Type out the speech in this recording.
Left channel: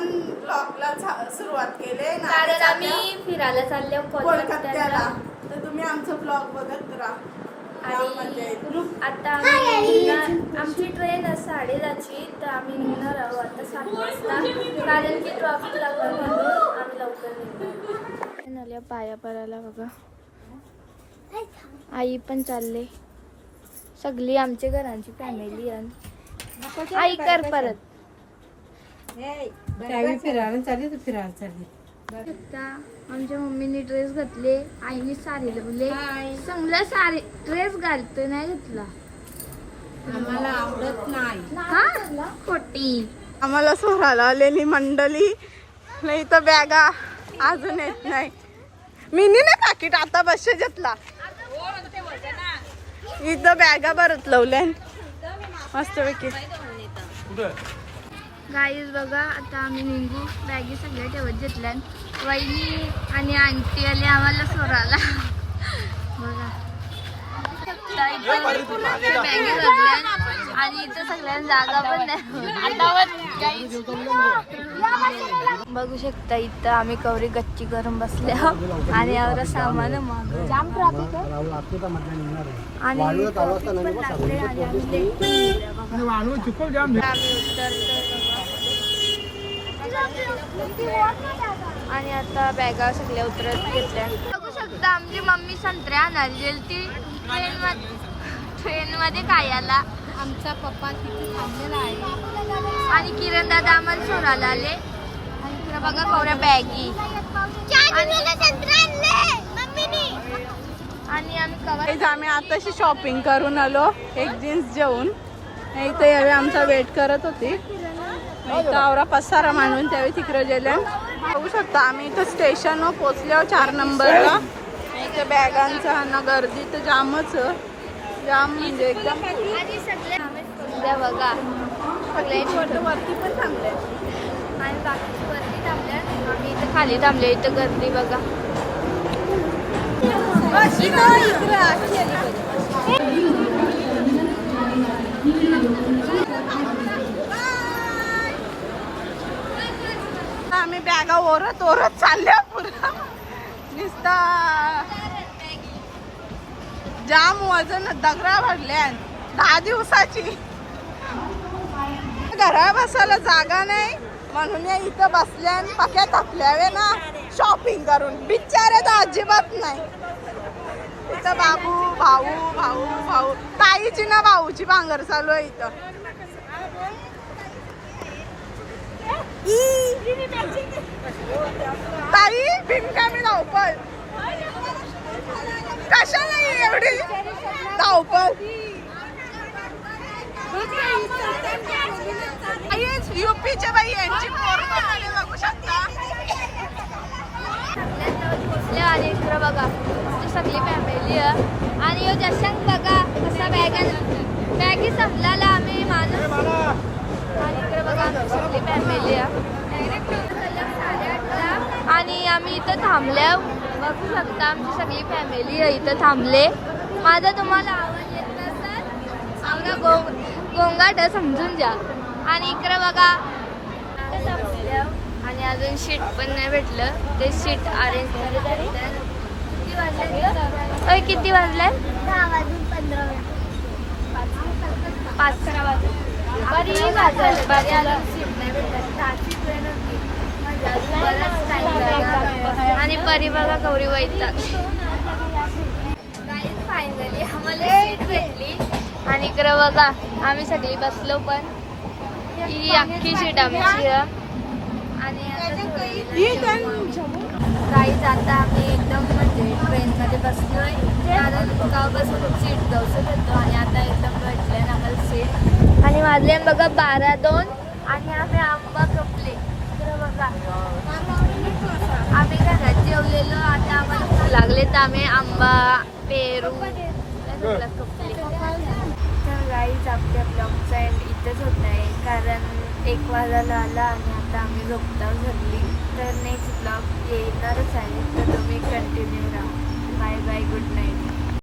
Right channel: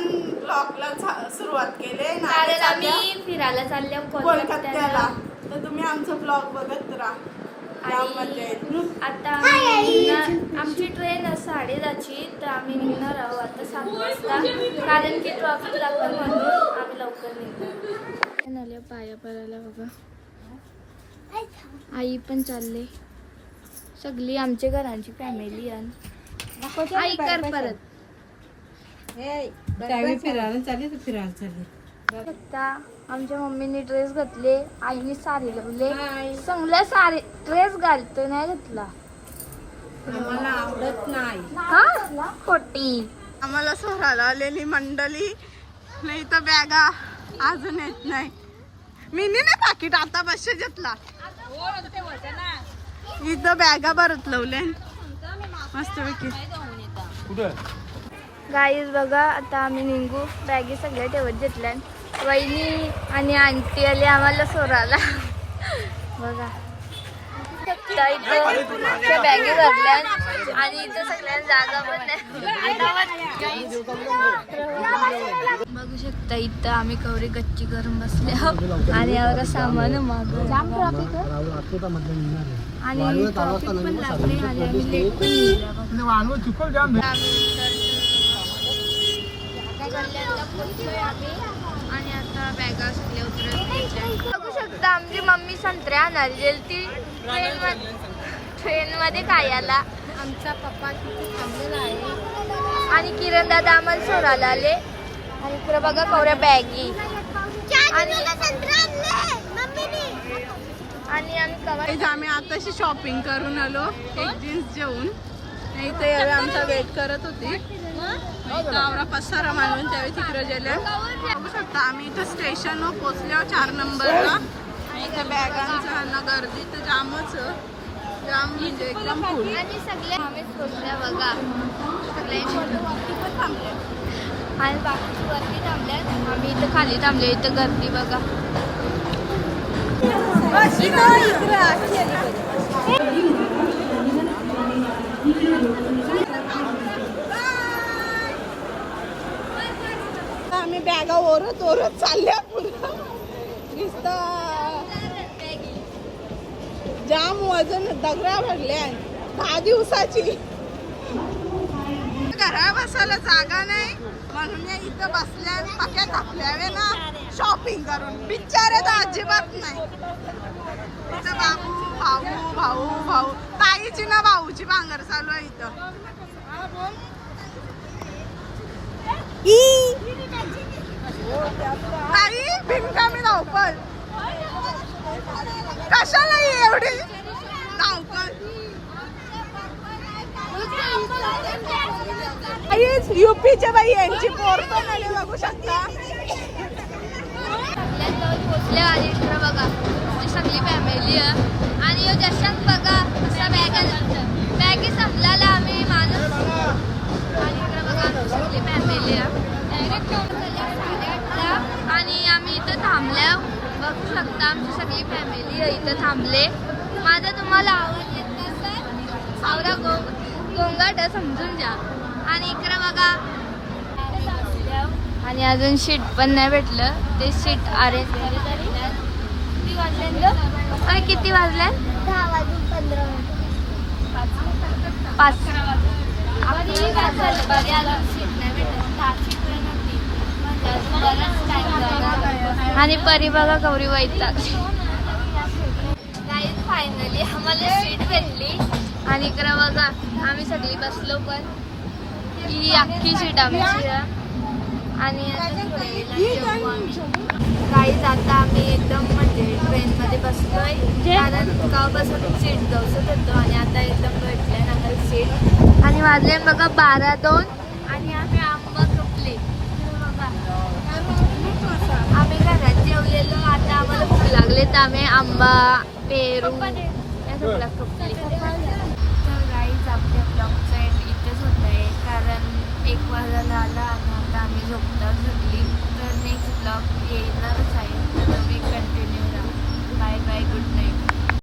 आपण ब्लॉगला सुरुवात केली. कारण आम्ही फिरायला चालले कोलकात्याला. तर तुम्ही आमचं ब्लॉग बघत राहा. आणि आता आमची ट्रेन आहे साडेदहाची तर आम्ही निघणार आहोत आता सात वाजता. कारण की ट्रॉफिक लागतं म्हणून आम्ही लवकर निघणार. पाया पडायला बघा. आई पण चालले. सगळी आमच्या घरांची फॅमिली आणि आई कर परत. त्यावेळी फिरायला चालली तर फिरायला चालली. आता आमच्या मम्मीने ड्रेस घातले आईने साडी लावले. चांगला साडी ड्रेस घालतो नाही घातला. आम्हाला आवडत नाही. हा? खोटी. आम्हाला सोहराला आलेली मंडळी. नाही तर बॅगा अजून येत नाही. मिनी नाही पाकिट आता बसचे घेतला. इथं बॅगा भरत लावल्या मस्तपैकी. गाईज बघा आता आम्ही निघू बॅगी सगळ्या ठेवत घेतल्या वहिनी आणि आंटी आली आम्हाला सोराला बघा. आता इथं बॅगी भरल्या आणि इथं सगळ्यांना जागा पण नाही. बघू शकता इथं आम्ही कवरी गच्ची करून बसले आहो. आणि यावर सामान माग आणि आम्ही उतरतो आणि आता बॅगा सगळ्या उतरत घेतल्या. बघू शकता आमची मम्मी संत्रे आणायला गेली ती. ट्रेन ट्रेन मध्ये काय आला आमचा पप्पा तिथे थांबलेला आहे. आणि किरण दादा आम्हाला सोडायला आले. आणि इकडे बघा कवऱ्या बॅगी. आणि आम्ही आताशी शॉपिंग करून आलो. एक जीन्स जेवून. नाही तर यावेळी आमचा वेट करत होती. नाही तर आवरा पसारा मानून त्यावेळी तिकडे गेले. बघू शकता आम्ही इथं स्टेशनवर पोचल्यावर चार नंबरला. इथं बॅगांचा ना गर्दी तर जामच. जाम म्हणजे एकदम फुल बघा. सगळ्यांची वरती पण थांबले. आणि बाकीची वरती थांबल्या आणि इथं खाली थांबले इथं गर्दी बघा. आम्ही बॅगा ओरत ओरत चालल्या पुढं. दिसता जाम वजन दगडा भरल्या दहा दिवसाची. घरा बसायला जागा नाही. म्हणून या इथं बसल्या आणि पक्या थापल्यावे ना. शॉपिंग करून. बिचारे तर अजिबात नाही. इथं बाबू भाऊ भाऊ ताईची ना भाऊची भांगर चालू आहे इथं. ताई भिनकामी धावपळ. कशाला एवढी धावपळ? युपीच्या बाई यांची पोर बघू शकता. बघा. सगळी फॅमिली आहे. आणि ह्यो बघा कसा बॅग बॅगी संपल्याला आम्ही माणूस. आणि इकडं बघा आमची सगळी फॅमिली आहे. आणि आम्ही इथं थांबल्या बघू शकता आमची सगळी फॅमिली आहे इथं थांबले. माझा तुम्हाला आवाज येत नसेल आम्हाला गो गोंगाट समजून द्या आणि इकडं बघा. आणि अजून शीट पण नाही भेटलं. ते सीट अरेंज करत भेटल्यात. किती पाच. वाजले. लागणार आणि परी बघा गौरी वैतात नाही फायनली आम्हाला सीट भेटली. आणि इकडं बघा आम्ही सगळी बसलो पण. ही अख्खी सीट आमची. आहे आणि आता आम्ही. आता आम्ही एकदम म्हणजे ट्रेनमध्ये बसलोय. कारण गावपासून सीट जाऊसच होतो आणि आता एकदम भेटले ना आम्हाला सीट आणि वाजले बघा बारा दोन. आणि आम्ही आंबा कपले बघा. आम्ही घरात जेवलेलो. आता आम्हाला भूक लागले तर आम्ही आंबा पेरू या कपले तर गाईज आपल्या ब्लॉगचा एंड इथेच होत नाही. कारण एक वाजायला आला आणि आम्ही झोपता झाली तर नेक्स्ट ब्लॉग येणारच आहे. तर तुम्ही कंटिन्यू राहा. Bye bye good night